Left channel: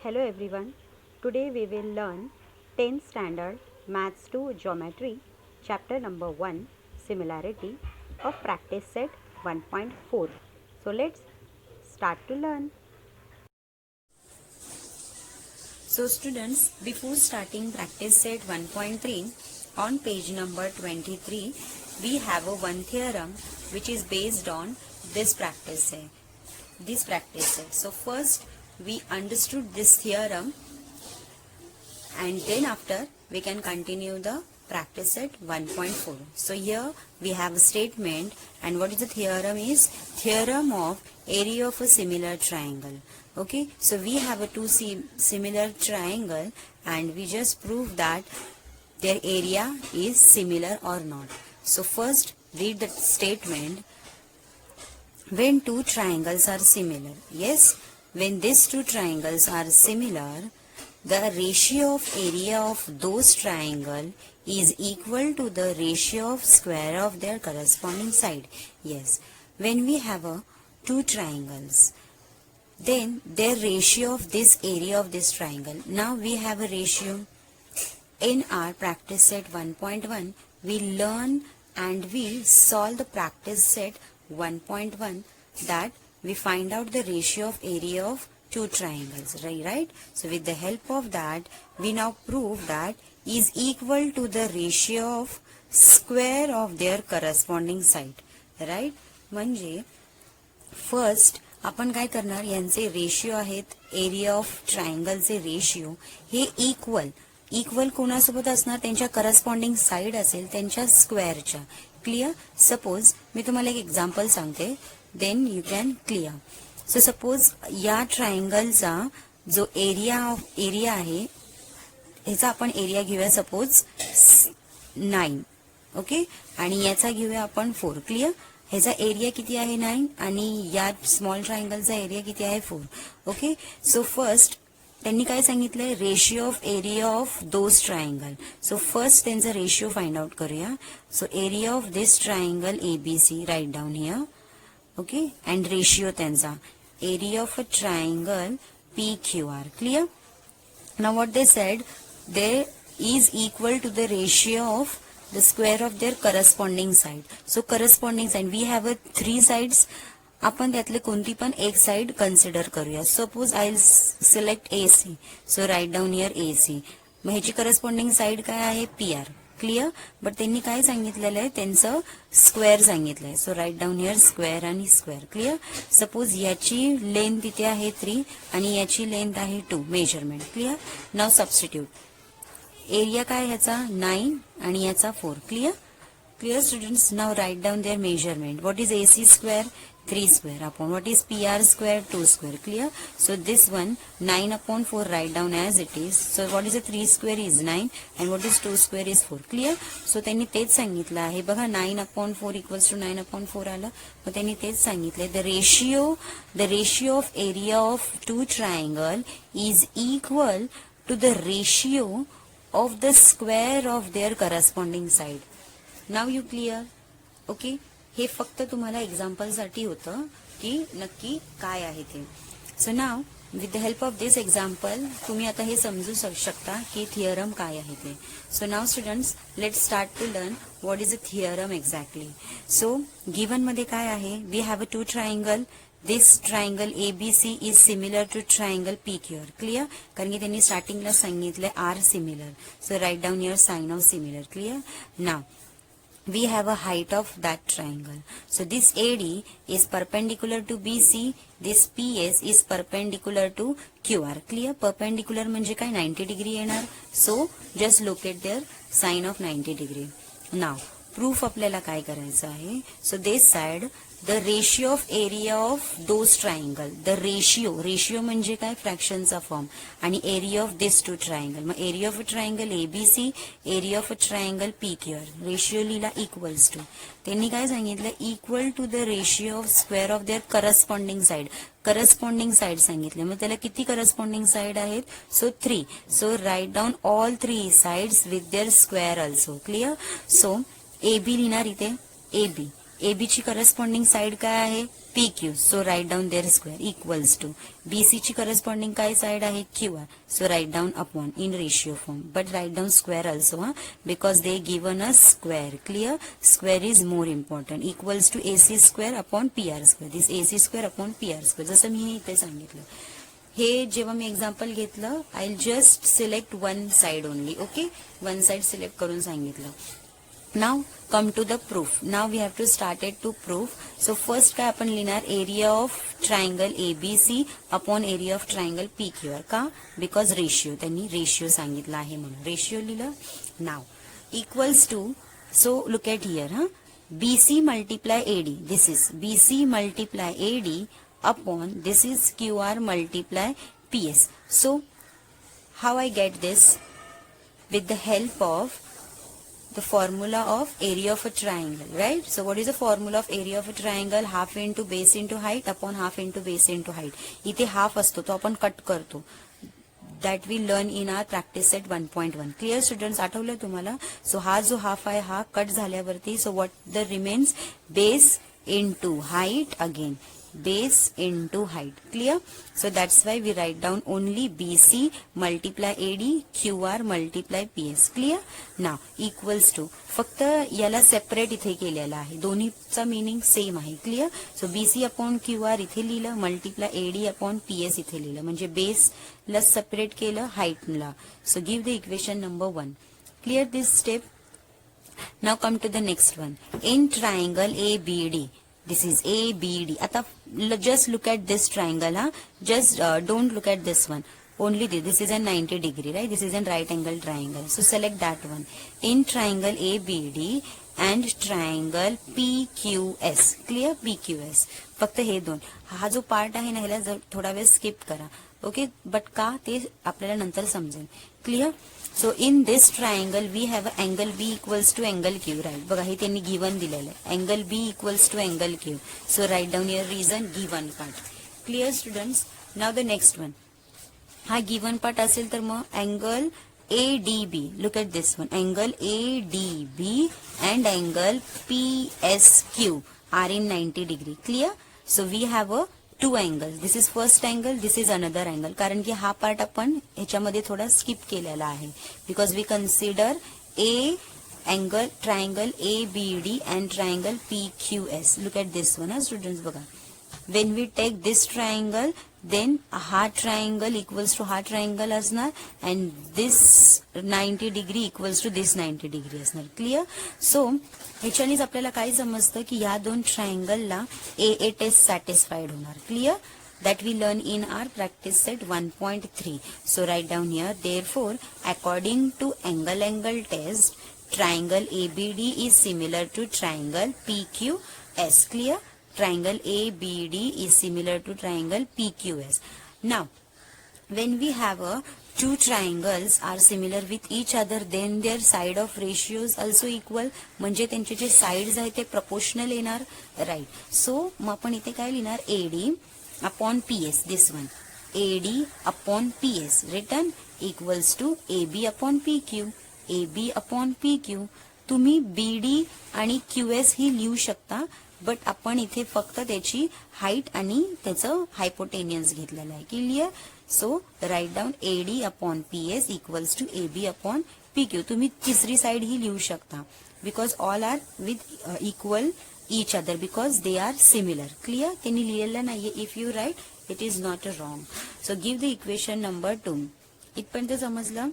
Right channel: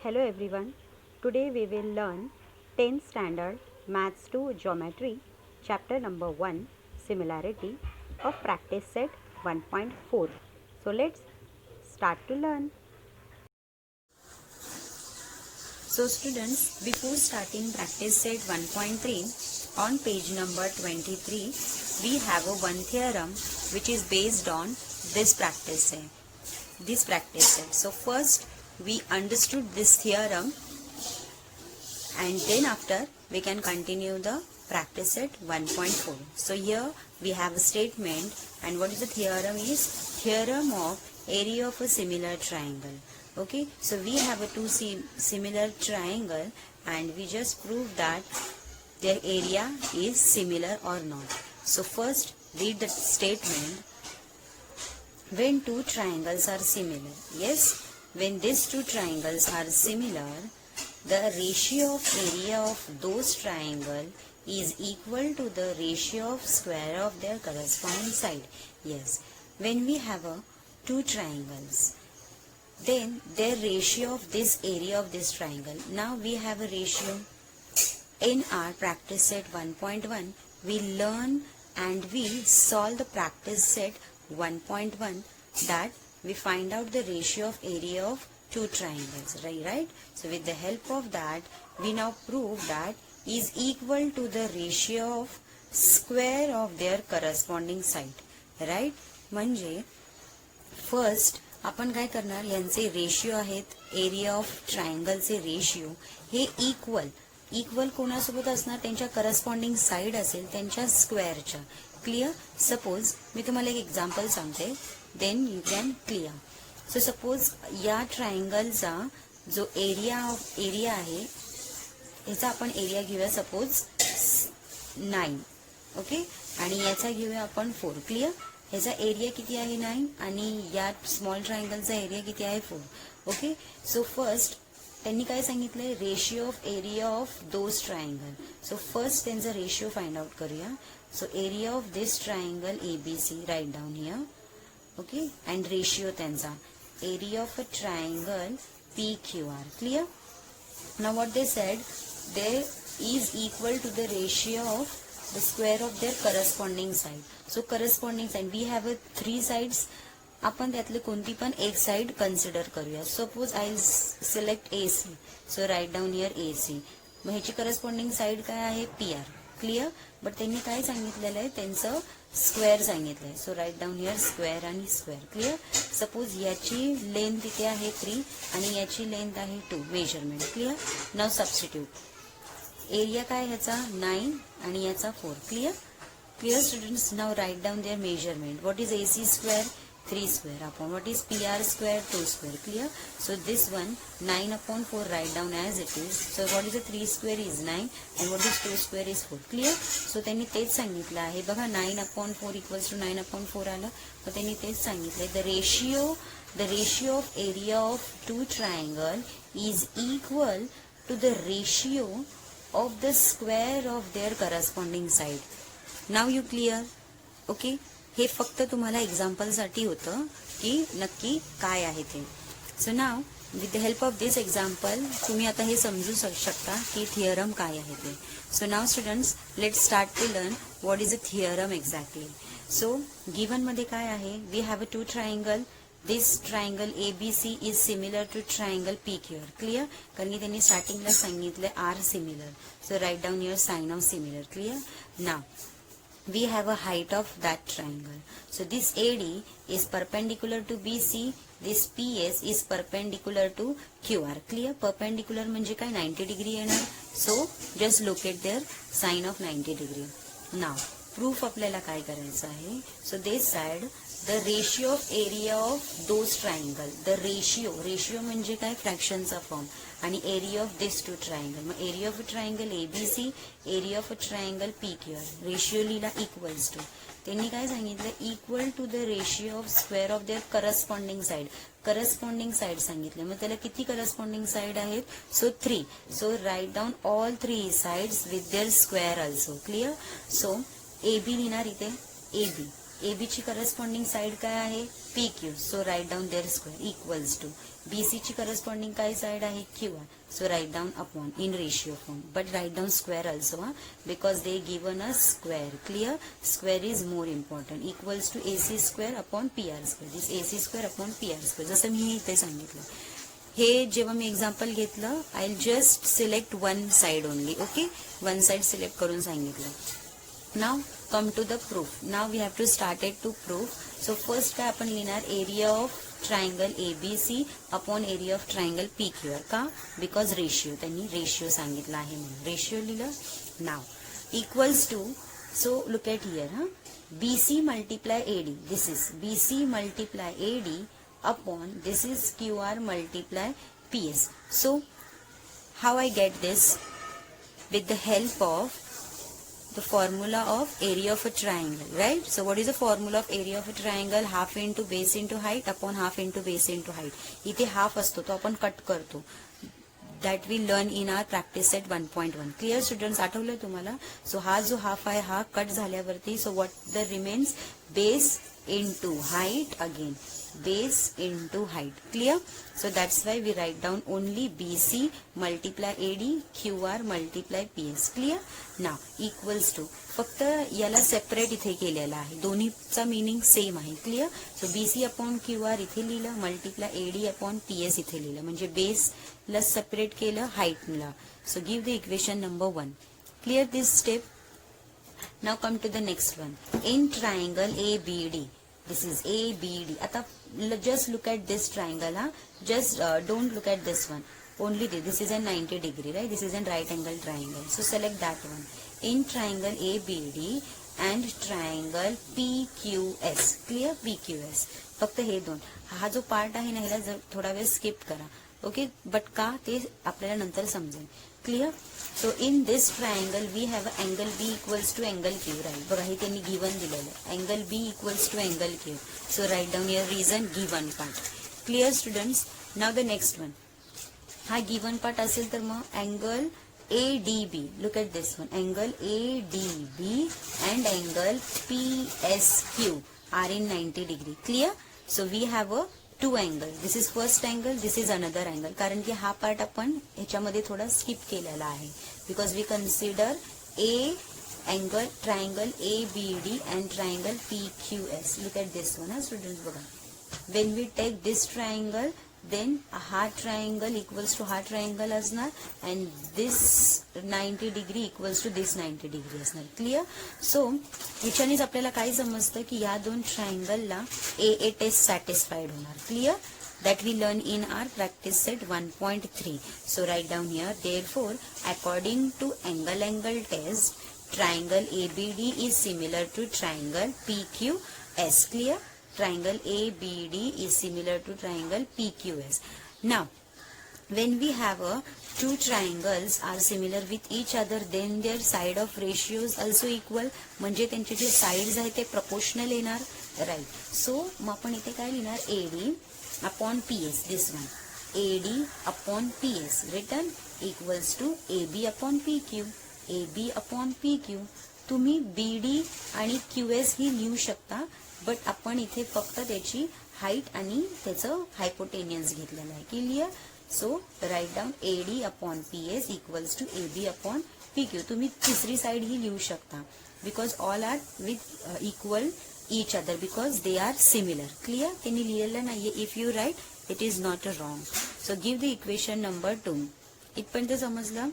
Hello everyone. Today we will learn 10th standard Maths 2 Geometry chapter number 1 Similarity of practice set 1.4. So let's start to learn. So students, before starting practice set 1.3, on page number 23, we have a one theorem which is based on this practice set. So first we understood this theorem and then after we can continue the practice set 1.4. So here we have a statement, and what is the theorem is? Theorem of area of a similar triangle. Okay, so we have a two similar triangle and we just prove that their area is similar or not. So first read the statement. When two triangles are similar, yes, when these two triangles are similar, the ratio of area of those triangle is equal to the ratio of square of their corresponding side. Yes, when we have two triangles, then their ratio of this area of this triangle. Now we have a ratio. In our practice set 1.1, we learn and we solve the practice set 1.1, that we find out the ratio of area of two triangles, right? So with the help of that, we now prove that is equal to the ratio of square of their corresponding side, right? म्हणजे first आपण काय करणार, यांचे ratio आहेत, area of ट्रायंगलचे ratio हे equal कोणासोबत असणार? त्यांच्या करस्पॉन्डिंग साइड असेल त्यांच्या स्क्वेअरच्या. क्लिअर? सपोज मी तुम्हाला एक एक्झाम्पल सांगते, then you can clear. So suppose या ट्रायंगलचा जो एरिया आहे ह्याचा आपण एरिया घेऊया सपोज 9. ओके, आणि याचा घेऊया आपण 4. क्लिअर? ह्याचा एरिया किती आहे 9 आणि या स्मॉल ट्रायंगलचा एरिया किती आहे 4. ओके, सो फर्स्ट त्यांनी काय सांगितलंय? Ratio of area of those triangle. So first त्यांचा रेशिओ फाइंड आउट करूया. So area of this triangle ABC, write down here. Okay, and ratio त्यांचा area of a triangle PQR. Clear? Now what they said, they is equal to the ratio of the square of their corresponding side. So corresponding side, we have a 3 sides. आपण त्यातले कोणती पण एक side consider करूया. Suppose I select AC. So right down here AC. मग ह्याची corresponding side काय आहे? PR. क्लिअर? बट त्यांनी काय सांगितलेलं आहे? त्यांचं स्क्वेअर सांगितलंय. So right down here square आणि स्क्वेअर. क्लिअर? सपोज याची लेंथ इथे आहे 3 आणि याची लेंथ आहे 2 measurement. Clear? Now substitute. Area काय ह्याचा 9 आणि याचा 4. Clear students? Now right down their measurement. What is AC square? 3 square upon what is PR square? 2 square. Clear? So this one 9 upon 4 right down as it is. So what is a 3 square is 9 and what is 2 square is 4. Clear? So त्यांनी तेच सांगितलं आहे बघा, 9 upon 4 equals to 9 upon 4 आलं. तर त्यांनी तेच सांगितलंय, the ratio of area of two triangle is equal to the ratio of the square of their corresponding side. Now you clear? Okay, हे फक्त तुम्हाला एक्झाम्पल साठी होतं की नक्की काय आहे ते. So now with the help of this example तुम्ही आता हे समजू शकता की थिअरम काय आहे ते. So now students, let start to learn what is a theorem exactly. So given मध्ये काय आहे? We have a two triangle. This triangle ABC is similar to triangle PQR. Clear? कारण की त्यांनी स्टार्टिंगला सांगितलं R similar. So write down here sign of similar. Clear? Now we have a height of that triangle. So this AD is perpendicular to BC. This PS is perpendicular to QR. Clear? Perpendicular म्हणजे काय? 90 degree येणार. So just locate their sign of 90 degree. Now proof आपल्याला काय करायचं आहे? So this side the ratio of area of those triangle. The ratio म्हणजे काय? फ्रॅक्शनचा फॉर्म. आणि area of this two triangle. मग area of a triangle ABC, area of a triangle PQR. Ratio लिहिला इक्वल्स टू. त्यांनी काय सांगितलं? Equal to the ratio of square of their corresponding side. Corresponding side सांगितलं. मग त्याला किती करस्पॉन्डिंग साइड आहेत? So 3. So right down all 3 sides with their square also. Clear? So AB लिहिणार इथे AB. AB ची करस्पॉन्डिंग साइड काय आहे? P Q, so right down there square equals to BC ची करस्पॉन्डिंग काय साइड आहे Q R, so right down upon in ratio form, but right down square also because they given a square. Clear, square is more important. Equals to AC square upon P R square, this AC square upon P R square. जसं मी इथे सांगितलं, हे जेव्हा मी example घेतलं, I just select one side only. Okay, one side select करून सांगितलं. नाव come to the proof. Now we have to start it to proof. So first काय आपण लिहिणार, area of triangle ABC upon area of triangle PQR. का? Because ratio, त्यांनी ratio सांगितला आहे म्हणून रेशियो लिहिलं. Now equals to, so look at here, BC multiply AD, this is BC multiply AD upon this is QR multiply PS. So how I get this? With the help of the formula of area of a triangle, right? So what is the formula of area of a triangle? Half into base into height upon half into base into height. इथे half असतो तो आपण cut करतो. That we learn in our practice set 1.1. Clear students, आठवलं तुम्हाला? So हा जो half आहे हा कट झाल्यावरती, so what the remains? Base into height again. Base into height. Clear? So that's why we write down only BC multiply AD QR multiply PS. Clear? Now equals to, फक्त याला separate इथे केलेला आहे, दोन्हीचा meaning same आहे. Clear? सो BC upon QR इथे लिहिलं, multiply AD upon PS इथे लिहिलं, म्हणजे बेसला सेपरेट केलं, हाईटला. So give the equation number 1. Clear this step? Now come to the next one. In triangle ABD, this is ABD. आता just look at this triangle, just don't look at this one, only this is a 90 degree, right? This is a right angle triangle, so select that one. In triangle ABD and triangle PQS. Clear? PQS, फक्त हे दोन. हा जो part आहे ना, ह्याला जर थोडा वेळ स्किप करा. ओके, बट का ते आपल्याला नंतर समजेल. Clear? So in this triangle we have angle B equals to angle Q, right? बघा हे त्यांनी गिवन दिलेलं आहे, angle B equals to angle Q. So right down your reason, given part. Clear students? Now the next one. हा given part असेल तर मग angle ADB, look at this one, angle ADB and angle PSQ are in 90 degree. Clear? So we have a to angle, this is first angle, this is another angle. कारण की हा part आपण ह्याच्यामध्ये थोडा skip केलेला आहे, because we consider angle triangle ABD and triangle PQS. Look at this one, students बघा, when we take this triangle, then हा ट्रायंगल इक्वल्स टू हा ट्रायंगल असणार, and this 90 degree equals to this 90 degree असणार. Clear? सो ह्याच्यानेच आपल्याला काय समजतं की या दोन ट्रायंगलला AA टेस्ट सॅटिस्फाईड होणार. Clear? that we learn in our practice set 1.3. So write down here, therefore according to angle test, triangle ABD is similar to triangle PQS. Clear? Triangle ABD is similar to triangle PQS. Now when we have two triangles are similar with each other, then their side of ratios also equal, म्हणजे त्यांचे जे sides आहेत ते proportional येणार, right? सो मग आपण इथे काय लिहिणार, AD upon PS, this one, AD upon PS return equals to AB upon PQ, AB upon PQ. तुम्ही BD आणि QS ही लिहू शकता, बट आपण इथे फक्त त्याची हाईट आणि त्याचं हायपोटेनियन्स घेतलेलं आहे. Clear? So right down AD upon PS equals to AB upon PQ. तुम्ही तिसरी साइड ही लिहू शकता, because all are with equal each other because they are similar. Clear? त्यांनी लिहिलेलं नाहीये, if you write it is not wrong. So give the equation number 2. इथपर्यंत समजलं?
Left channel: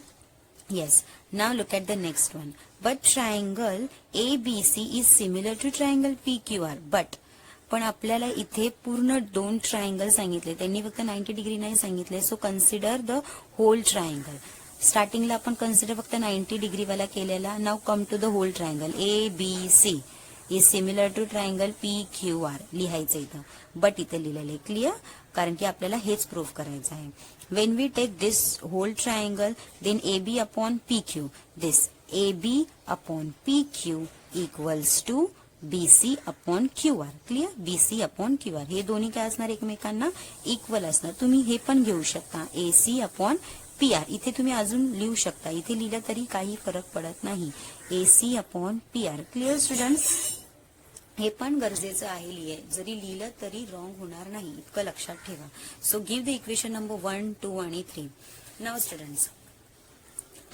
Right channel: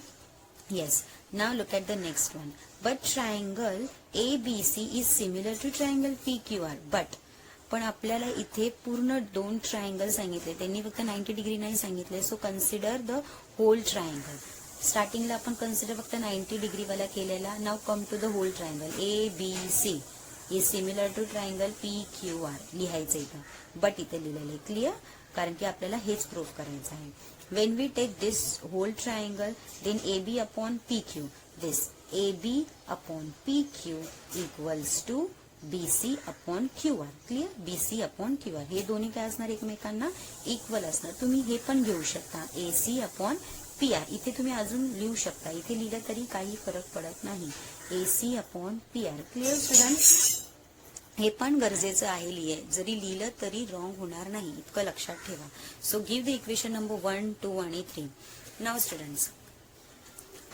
Yes. Now look at the next one. But triangle ABC is similar to triangle PQR. But पण आपल्याला इथे पूर्ण दोन ट्रायंगल सांगितले, त्यांनी फक्त 90 डिग्री नाही सांगितले. So consider the whole triangle. स्टार्टिंगला आपण कन्सिडर फक्त 90 डिग्री वाला केलेला. Now come to the whole triangle ABC is similar to triangle PQR लिहायचं इथं, बट इथे लिहिलेलं आहे. क्लिअर? कारण की आपल्याला हेच प्रूव्ह करायचं आहे. When we take this whole triangle, then AB upon PQ, this AB upon PQ equals to BC upon QR. Clear? BC upon QR हे दोन्ही काय असणार, एकमेकांना इक्वल असणार. तुम्ही हे पण घेऊ शकता, AC अपॉन PR. इथे तुम्ही अजून लिहू शकता, इथे लिहिलं तरी काही फरक पडत नाही. AC upon PR. Clear students? हे पण गरजेचं आहे जरी लिहिलं तरी रॉंग होणार नाही, इतकं लक्षात ठेवा. सो गिव्ह द इक्वेशन नंबर 1, 2 आणि 3. नाव students,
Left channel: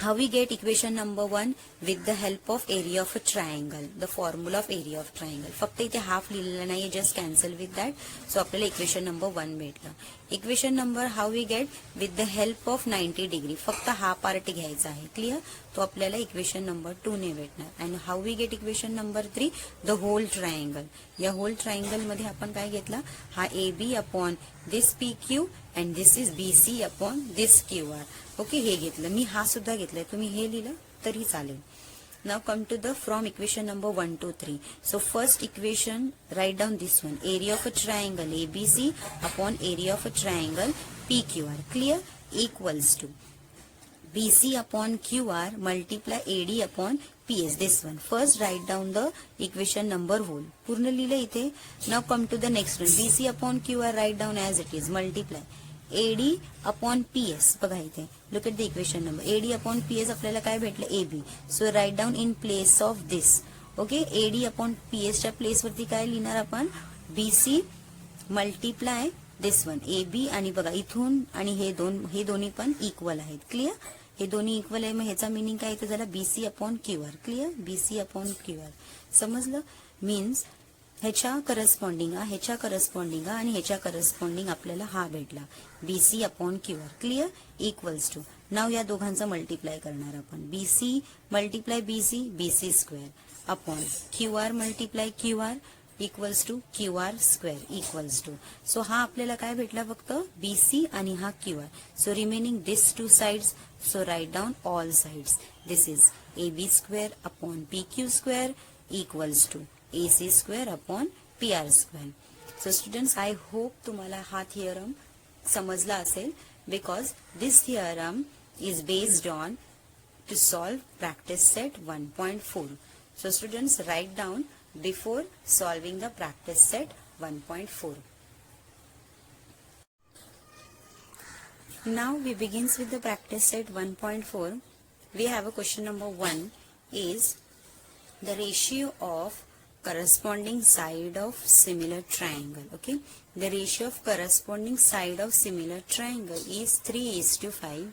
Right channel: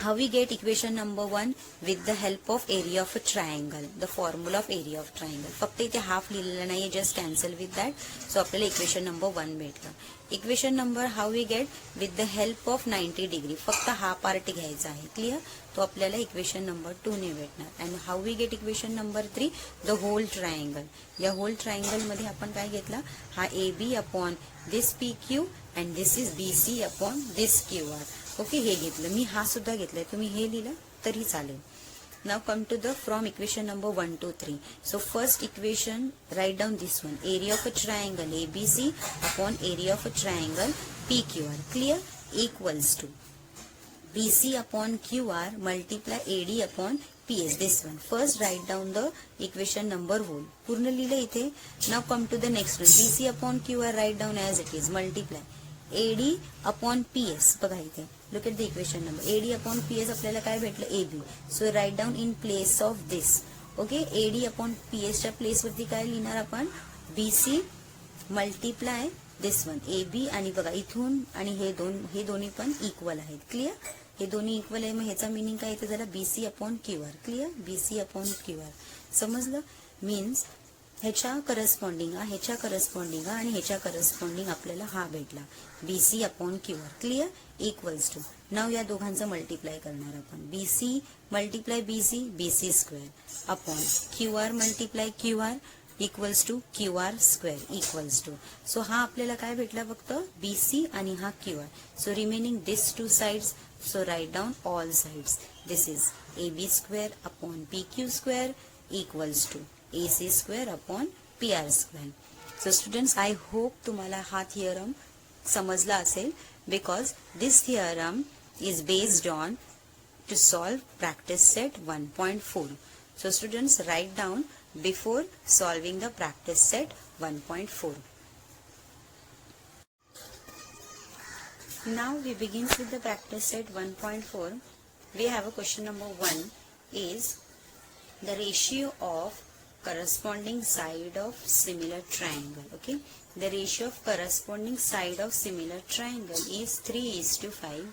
how we get equation number 1 with the help of area of a triangle, the formula of area of triangle. फक्त इथे हाफ लिहिलेलं नाही, just cancel with that. So आपल्याला इक्वेशन नंबर 1 भेटलं. Equation number how we get with the help of 90 degree, फक्त हा part घ्यायचा आहे. क्लिअर? तो आपल्याला इक्वेशन नंबर 2 ने भेटणार. And how we get equation number 3, the whole triangle. या होल ट्रायंगल मध्ये आपण काय घेतला, हा AB upon this PQ and this is BC upon this QR. Okay, हे घेतलं मी, हा सुद्धा घेतलाय, तुम्ही हे लिहिलं तरी चालेल. Now come to the from equation number 1 to 3. So first equation, write down this one, area of a triangle ABC upon area of a triangle PQR. Clear? Equals to BC upon QR multiply AD upon PS. This one. First write down the equation number whole. पूर्ण लिहिले इथे. Now come to the next one. BC upon QR write down as it is. Multiply AD upon PS. बघा इथे. Look at the equation number. AD upon PS आपल्याला काय भेटलं? AB. So write down in place of this. Okay. AD upon PS च्या place वरती काय लिहिणार आपण? BC multiply this one. AB आणि बघा इथून आणि हे दोन्ही पण इक्वल आहेत. क्लिअर? हे दोन्ही इक्वल आहे, मग ह्याचा मिनिंग काय इथे झाला? BC upon QR. Clear? BC upon QR. समजलं? मीन्स ह्याच्या करस्पॉन्डिंग आणि ह्याच्या करस्पॉन्डिंग आपल्याला हा भेटला, BC upon QR. Clear? Equals to. Now या दोघांचं मल्टिप्लाय करणार आपण. BC multiply BC square upon QR multiply QR equals to QR square equals to. So हा आपल्याला काय भेटला? फक्त BC आणि हा QR. So remaining this two sides. So write down all sides. This is AB square upon PQ square equals to AC square upon PR square. So students, I hope तुम्हाला हा theorem समजला असेल, because this theorem is based on to solve practice set 1.4. So students, write down before solving the practice set 1.4. Now we begins with the practice set 1.4. We have a question number 1 is the ratio of corresponding side of similar triangle. Okay, the ratio of corresponding side of similar triangle is 3:5.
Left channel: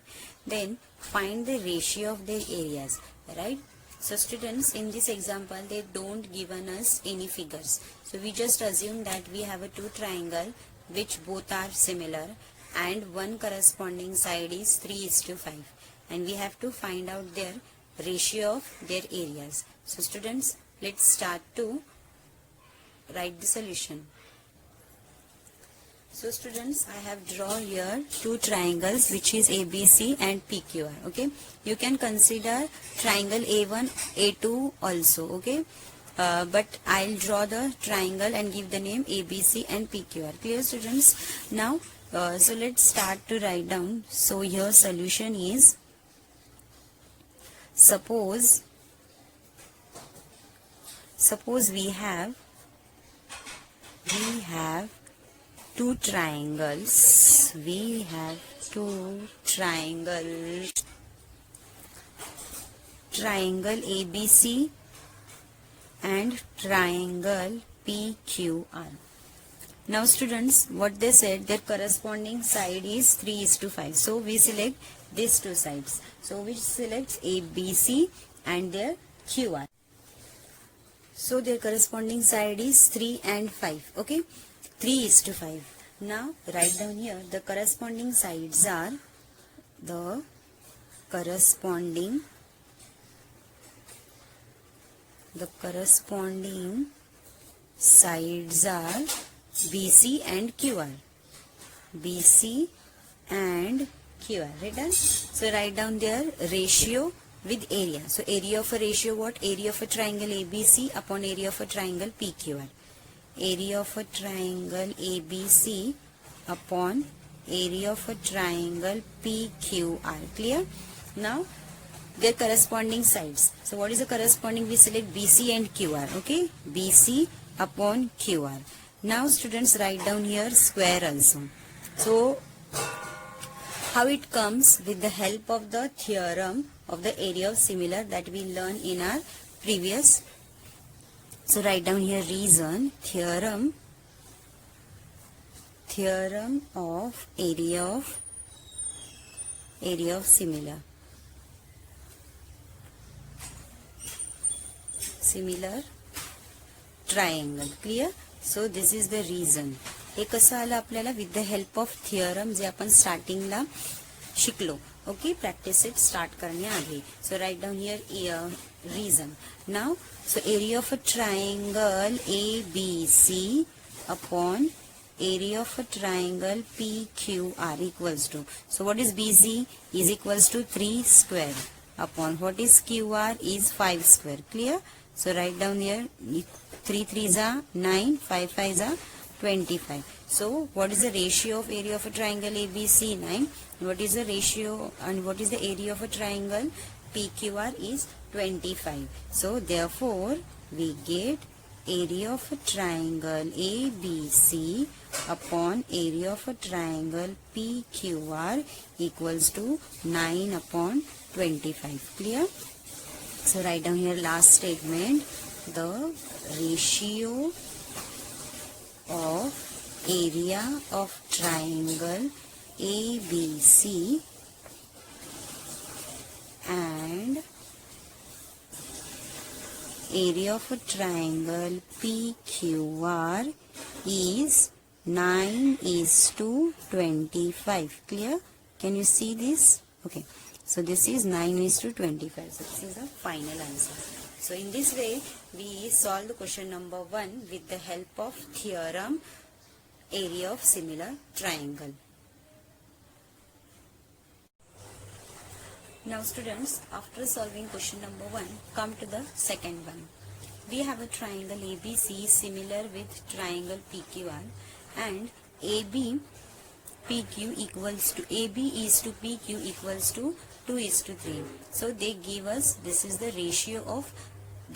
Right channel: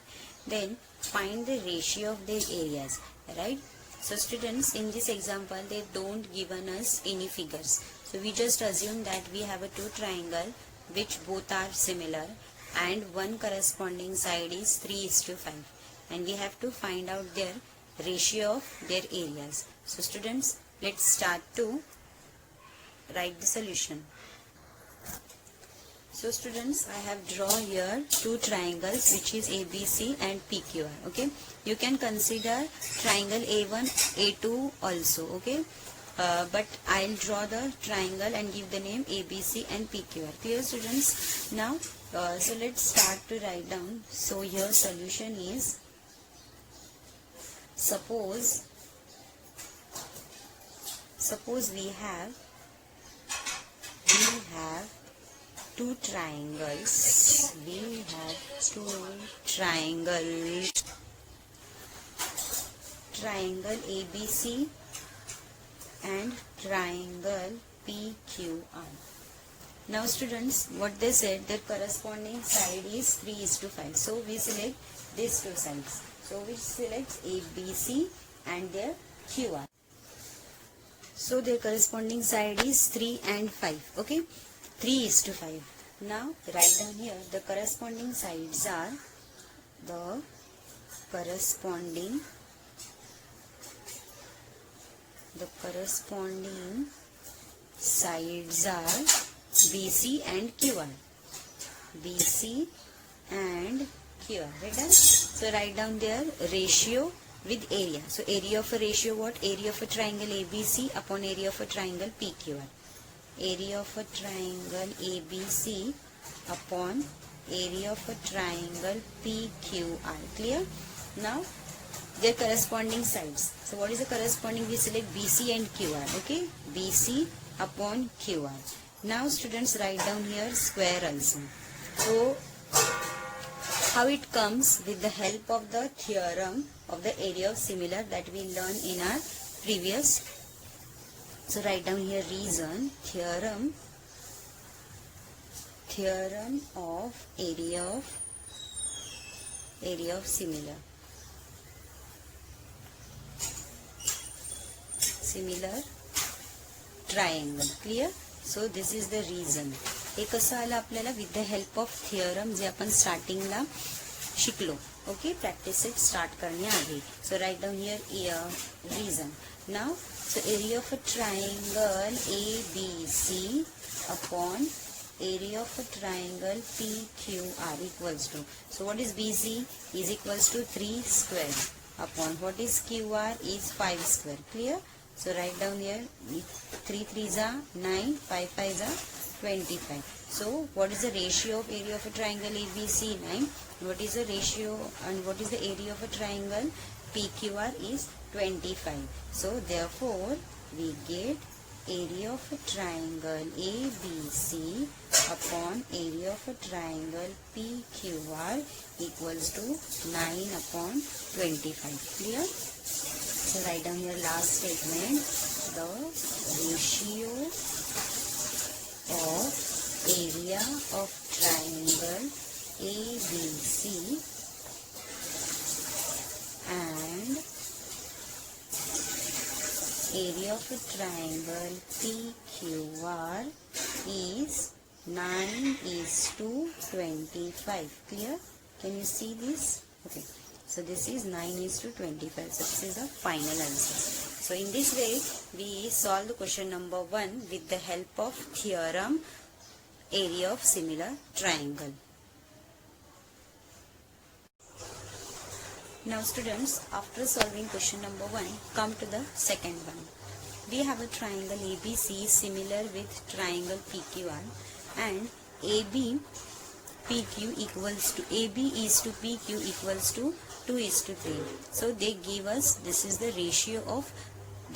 Then find the ratio of their areas. Right? So students, in this example they don't given us any figures. So we just assume that we have a two triangle which both are similar, and one corresponding side is 3:5, and we have to find out their ratio of their areas. So students, let's start to write the solution. So students, I have drawn here two triangles which is ABC and PQR. Okay, you can consider triangle A1 A2 also. Okay, but I'll draw the triangle and give the name ABC and PQR. Clear students? Now so let's start to write down. So your solution is, suppose we have two triangles. We have two triangles. Triangle ABC and triangle PQR. Now students, what they said, their corresponding side is 3:5. So we select these two sides. So we select ABC and their QR. So their corresponding side is 3 and 5. Okay, 3:5. Now write down here the corresponding sides are BC and QR. BC and QR. Right? So write down their ratio with area. So area of a ratio what? Area of a triangle ABC upon area of a triangle PQR. Area of a triangle ABC upon area of a triangle PQR. Clear? Now their corresponding sides. So what is the corresponding? We select BC and QR. Okay, BC upon QR. Now students, write down here square also. So how it comes? With the help of the theorem of the area of similar that we learned in our previous So write down here reason, theorem of area of similar triangle. Clear? So this is the reason. हे कसं आलं आपल्याला with the help of theorem जे आपण स्टार्टिंगला शिकलो. Okay, practice set start करण्याआधी. So right down here reason. Now so area of a triangle ABC upon area of a triangle PQR equals to, so what is BC is equals to 3 square upon what is QR is 5 square. Clear? So write down here 3 3s are 9, 5 5s are 25. So what is the ratio of area of a triangle ABC? 9. What is the ratio and what is the area of a triangle PQR is 25. So therefore we get area of a triangle ABC upon area of a triangle PQR equals to 9 upon 25. Clear? So write down here last statement. The ratio of area of triangle ABC and area of a triangle PQR is 9:25. Clear? Can you see this? Okay. So this is 9:25. So this is the final answer. So in this way, we solve the question number 1 with the help of theorem area of similar triangle. Now students, after solving question number 1, come to the second one. We have a triangle ABC similar with triangle PQR and AB is to PQ equals to 2:3. So they give us, this is the ratio of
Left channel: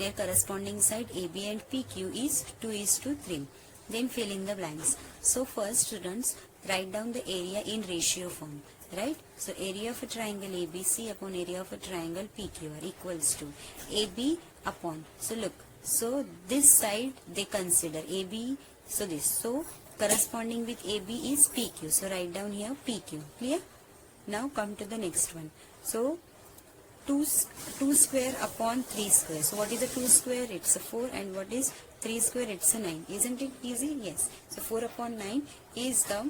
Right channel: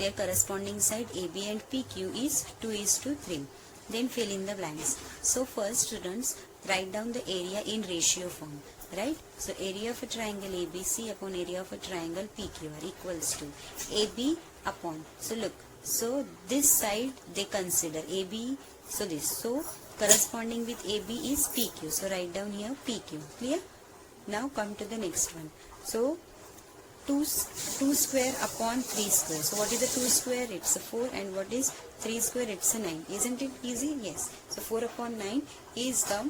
their corresponding side AB and PQ is 2:3. Then fill in the blanks. So first students, write down the area in ratio form. Right? So area of a triangle ABC upon area of a triangle PQR equals to AB upon. So look, so this side they consider AB. So this. So corresponding with AB is PQ. So write down here PQ. Clear? Now come to the next one. So 2 square upon 3 square. So what is the 2 square? It's a 4. And what is 3 square? It's a 9. Isn't it easy? Yes. So 4 upon 9 is the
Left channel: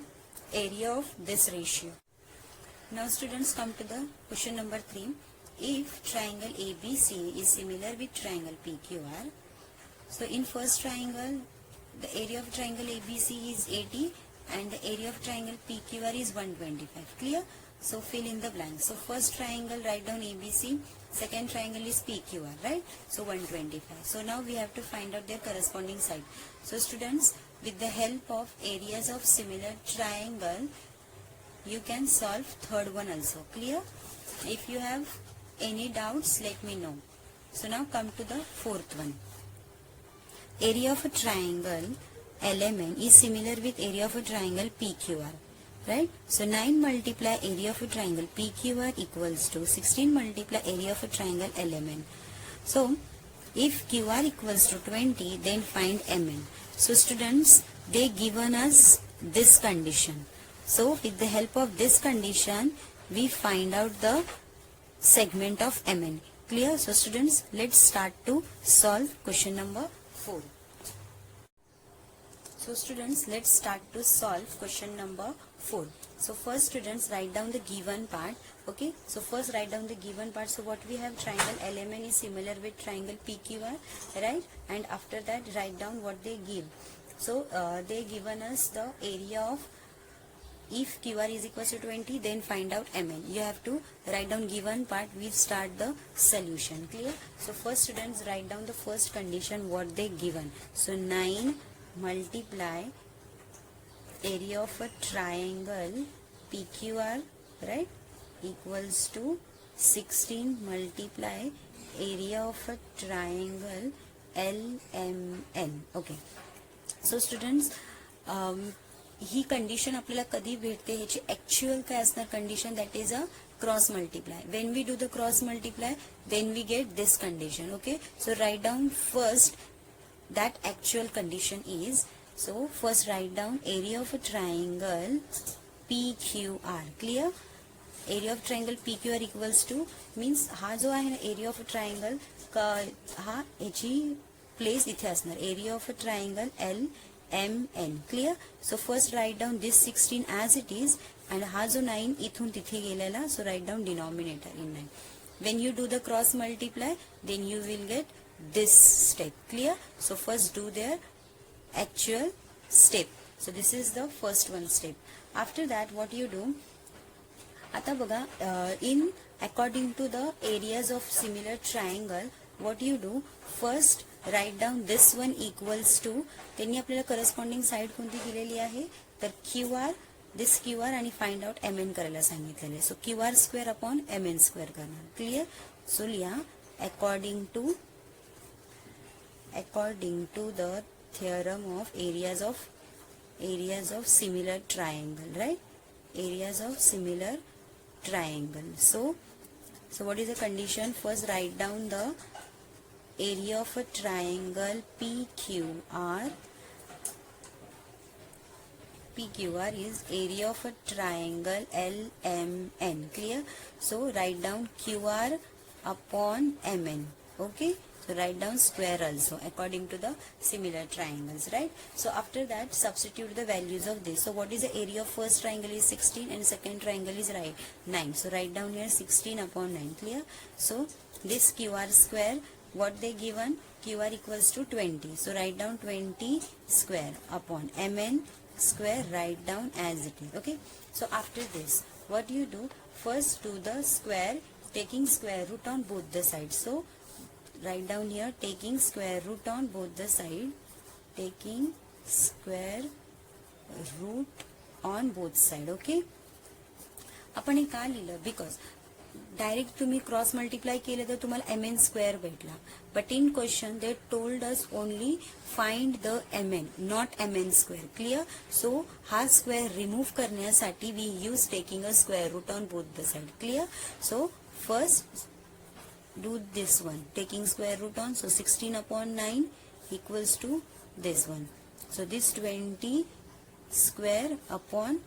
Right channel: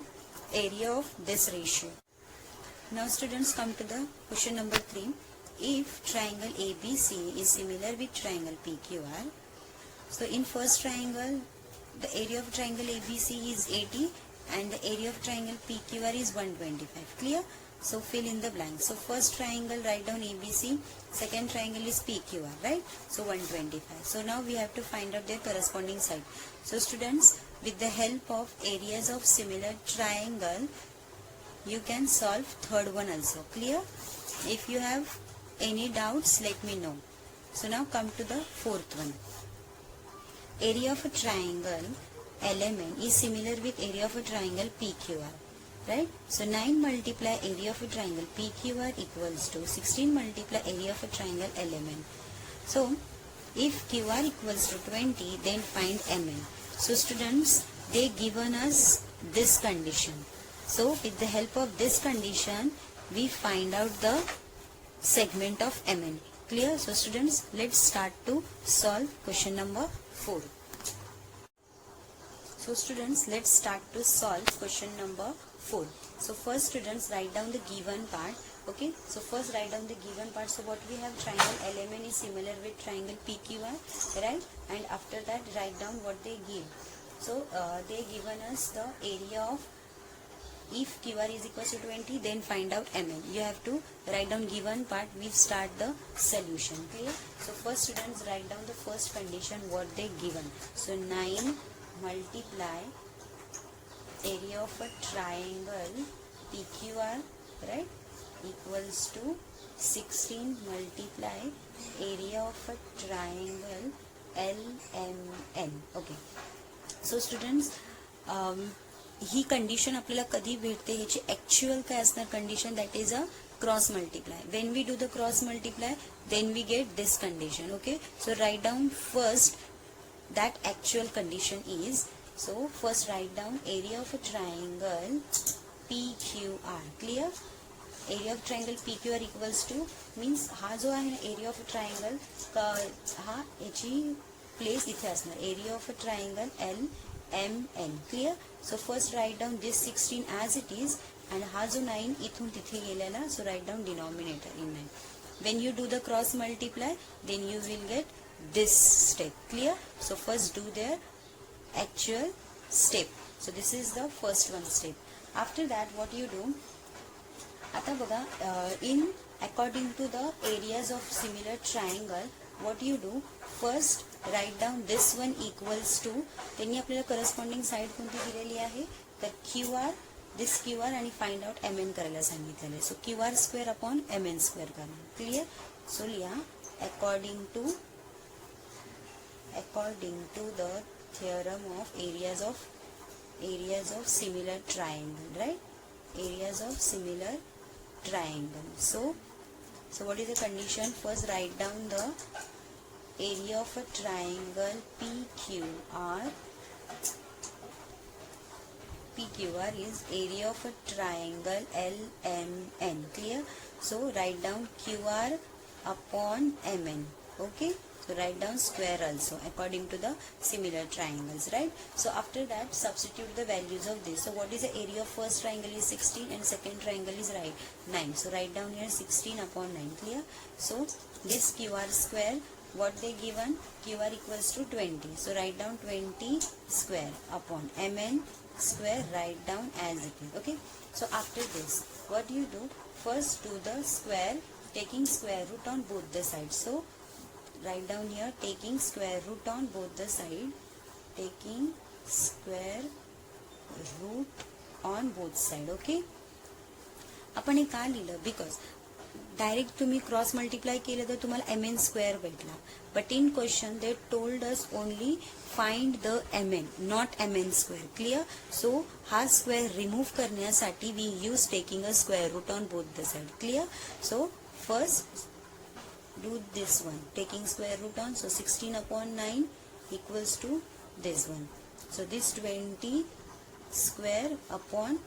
area of this ratio. Now students, come to the question number 3. If triangle ABC is similar with triangle PQR, so in first triangle, the area of triangle ABC is 80 and the area of triangle PQR is 125. Clear? So fill in the blanks. So first triangle, write down ABC, second triangle is PQR, right? So 125. So now we have to find out their corresponding side. So students, with the help of areas of similar triangle, you can solve third one also. Clear? If you have any doubts, let me know. So now come to the fourth one. Area of a triangle LMN is similar with area of a triangle PQR. Right? So 9 multiply area of a triangle PQR equals to 16 multiply area of a triangle LMN. So if QR equals to 20, then find MN. So students, they given us this condition. So with the help of this condition, we find out the segment of MN. Clear? So students, let's start to solve question number 4. So students, let's start to solve question number 4. So first students, write down the given part. Okay, so first write down the given part. So what we have, triangle LMN is similar with triangle PQR, right? And after that, write down what they give. So they given us the area of, if QR is equal to 20, then find out MN. You have to write down given part. We start the solution. Clear? So first students, write down the first condition what they given. So 9 multiply area of a triangle PQR, right, equals to 16 multiply area of a triangle LMN. Okay. So students, ही condition आपल्याला कधी भेटते, ह्याची actual काय असणार condition, that is a cross multiply. When we do the cross multiply, then we get this condition. Okay, so right down first that actual condition is, so first write down area of a triangle PQR. Clear? Area of triangle PQR equals to, means हा जो आहे ना area of a triangle हा याची place इथे असणार, area of a triangle LMN. Clear? So first write down this 16 as it is, and हा जो 9 इथून तिथे गेलेला, so right down denominator in 9. When you do the cross multiply, then you will get this step. Clear? So first do their actual step. So this is the first one step. After that what you do, आता बघा, in according to the areas of similar triangle, what you do, first write down this one equals to, त्यांनी आपल्याला corresponding side कोणती दिलेली आहे, तर QR, this QR आणि find out MN करायला सांगितलेले. So QR square upon MN square करणार. क्लियर? सो लिहा according to the theorem of areas of similar triangle, right? Areas of similar triangle. So what is the condition? First write down the area of a triangle PQR. PQR is area of a triangle LMN. Clear? So write down QR upon MN. Okay? So write down square also according to the similar triangles, right? So after that substitute the values of this. So what is the area of first triangle is 16 and second triangle is 9. So write down here 16 upon 9. Clear? So this QR square, what they given, QR equals to 20. So write down 20 square upon MN square, write down as it is. Okay? So after this what you do, first do the square taking square root on both the sides. So write down here taking square root on both the side, taking square root on both side. Okay? आपण हे का लिहिलं, because direct तुम्ही cross multiply केलं तर तुम्हाला MN square भेटला, but in question they told us only find the MN, not MN square. Clear? So हा स्क्वेअर रिमूव्ह करण्यासाठी we use taking a square root on both the side. Clear? So first do this one taking square root on, so 16 upon 9 equals to this one. So this 20 square upon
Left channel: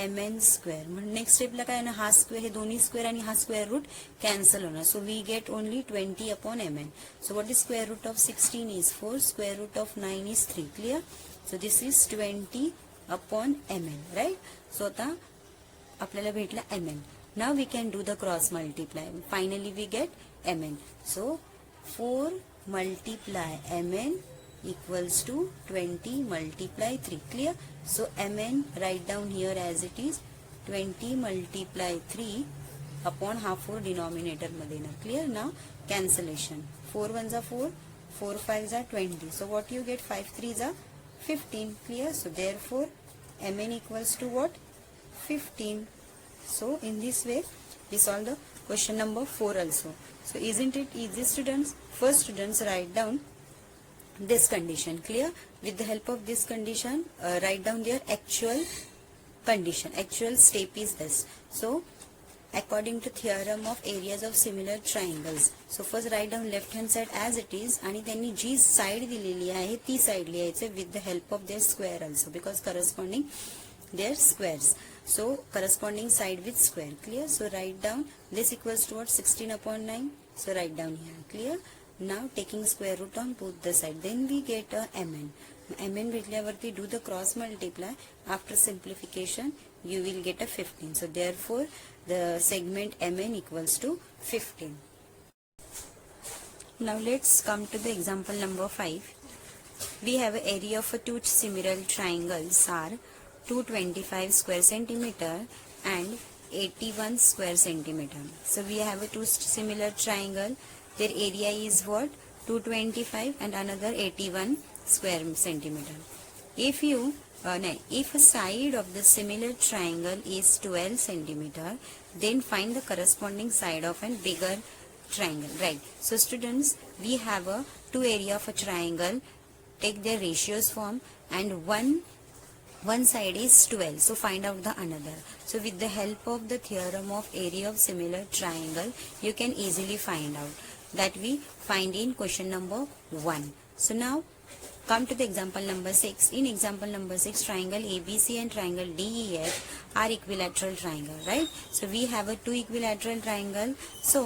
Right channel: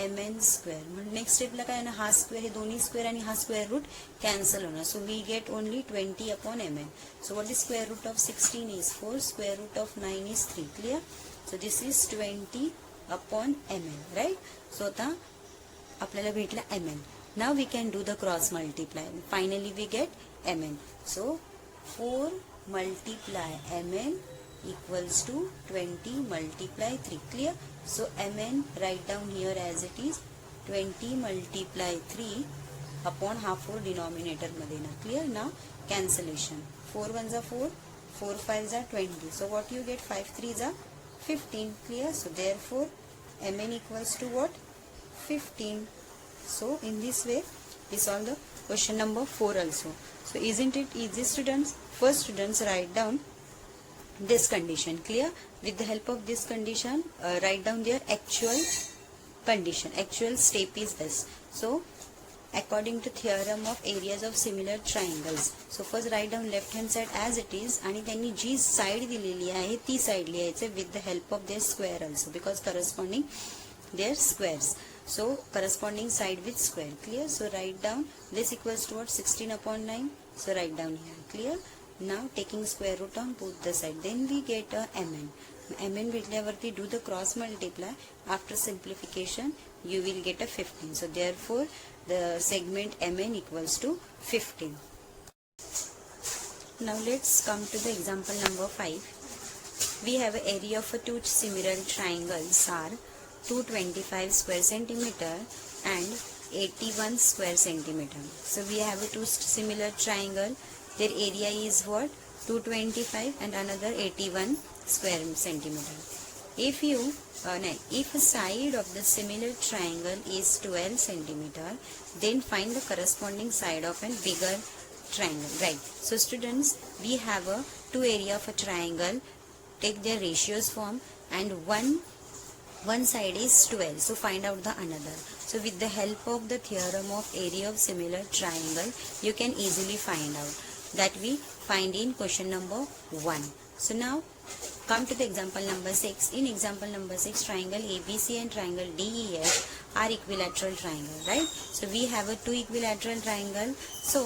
MN square. Next स्टेपला काय ना, हा square, हे दोन्ही square आणि हा square root cancel होणार. So we get only 20 upon MN. So what is square root of 16 is 4, square root of 9 is 3. Clear? So this is 20 upon MN, right? So आता आपल्याला भेटला MN. Now we can do the cross multiply. Finally we get MN. So 4 multiply MN equals to 20 multiply 3. Clear? So MN write down here as it is 20 multiply 3 upon half 4 denominator मध्ये ना. Clear? Now cancellation. 4 1s are 4, 4 5s are 20. So what you get, 5 3s are 15. Clear? So therefore MN equals to what? 15. So in this way we solve the question number 4 also. So isn't it easy, students? First students write down this condition. Clear? With the help of this condition write down their actual condition. Actual step is this. So according to theorem of areas of similar triangles, so first write down left hand side as it is, आणि त्यांनी जी side दिलेली आहे ती side लिहायचं with the help of their square also, because corresponding their squares. So corresponding side with square. Clear? So write down this equals to what? 16 upon 9. So write down here. Clear? Now taking square root on both the side, then we get a MN. MN भेटल्यावरती do the cross multiply. After simplification you will get a 15. So therefore the segment MN equals to 15. Now let's come to the example number 5. We have an area of two similar triangles are 225 square centimeter and 81 square centimeter. So we have a two similar triangle. Their area is what? 225 and another 81 square centimeter. If if a side of the similar triangle is 12 centimeter, then find the corresponding side of a bigger triangle. Right. So students, we have a two area of a triangle. Take their ratios form, and one side is 12. So find out the another. So with the help of the theorem of area of similar triangle, you can easily find out. That we find in question number 1. So now Come to the example number 6. In example number 6, triangle ABC and triangle DEF are equilateral triangle, right? So we have a two equilateral triangle. So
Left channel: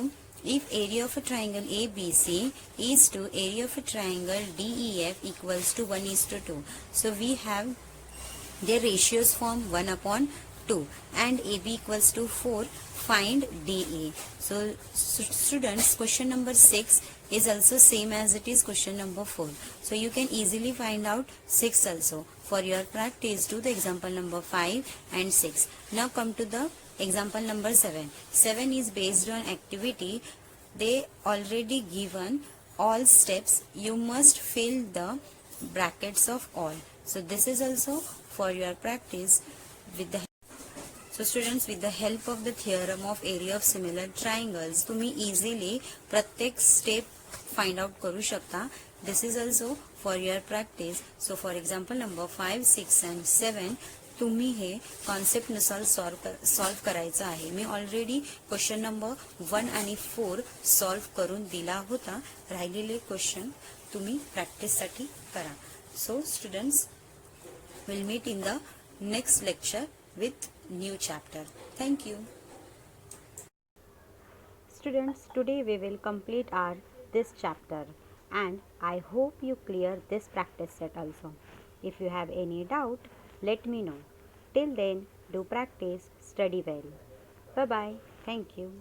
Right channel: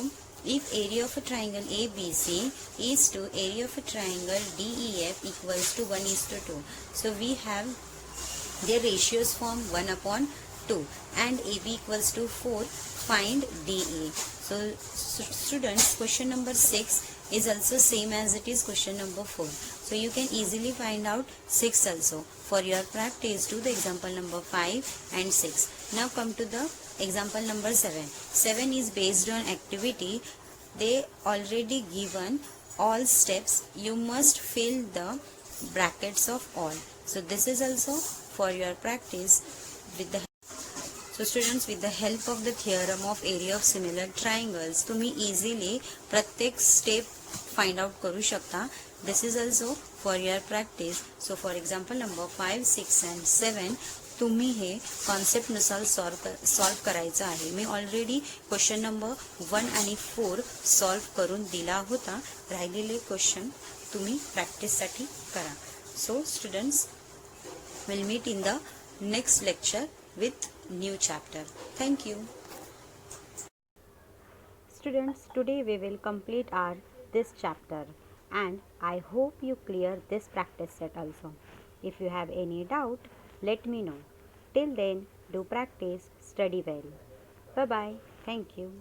if area of a triangle ABC is to area of a triangle DEF equals to 1:2. So we have their ratios form 1/2 and AB equals to 4. Find DA. So students, question number 6 is also same as it is question number 4. So you can easily find out 6 also. For your practice, do the example number 5 and 6. Now come to the example number 7. 7 is based on activity. They already given all steps. You must fill the brackets of all. So this is also for your practice with the students, with the help of the theorem of area of similar triangles, तुम्ही easily प्रत्येक step find out करू शकता. This is also for your practice. So for example number 5, 6 and 7 तुम्ही हे concept नुसार solve करायचं आहे. मी already question number 1 आणि 4 solve करून दिला होता. राहिलेले क्वेश्चन तुम्ही प्रॅक्टिससाठी करा. So students, we'll meet in the next lecture with new chapter. Thank you. Students, today we will complete this chapter and I hope you clear this practice set also. If you have any doubt, let me know. Till then, do practice, study well. Bye bye. Thank you.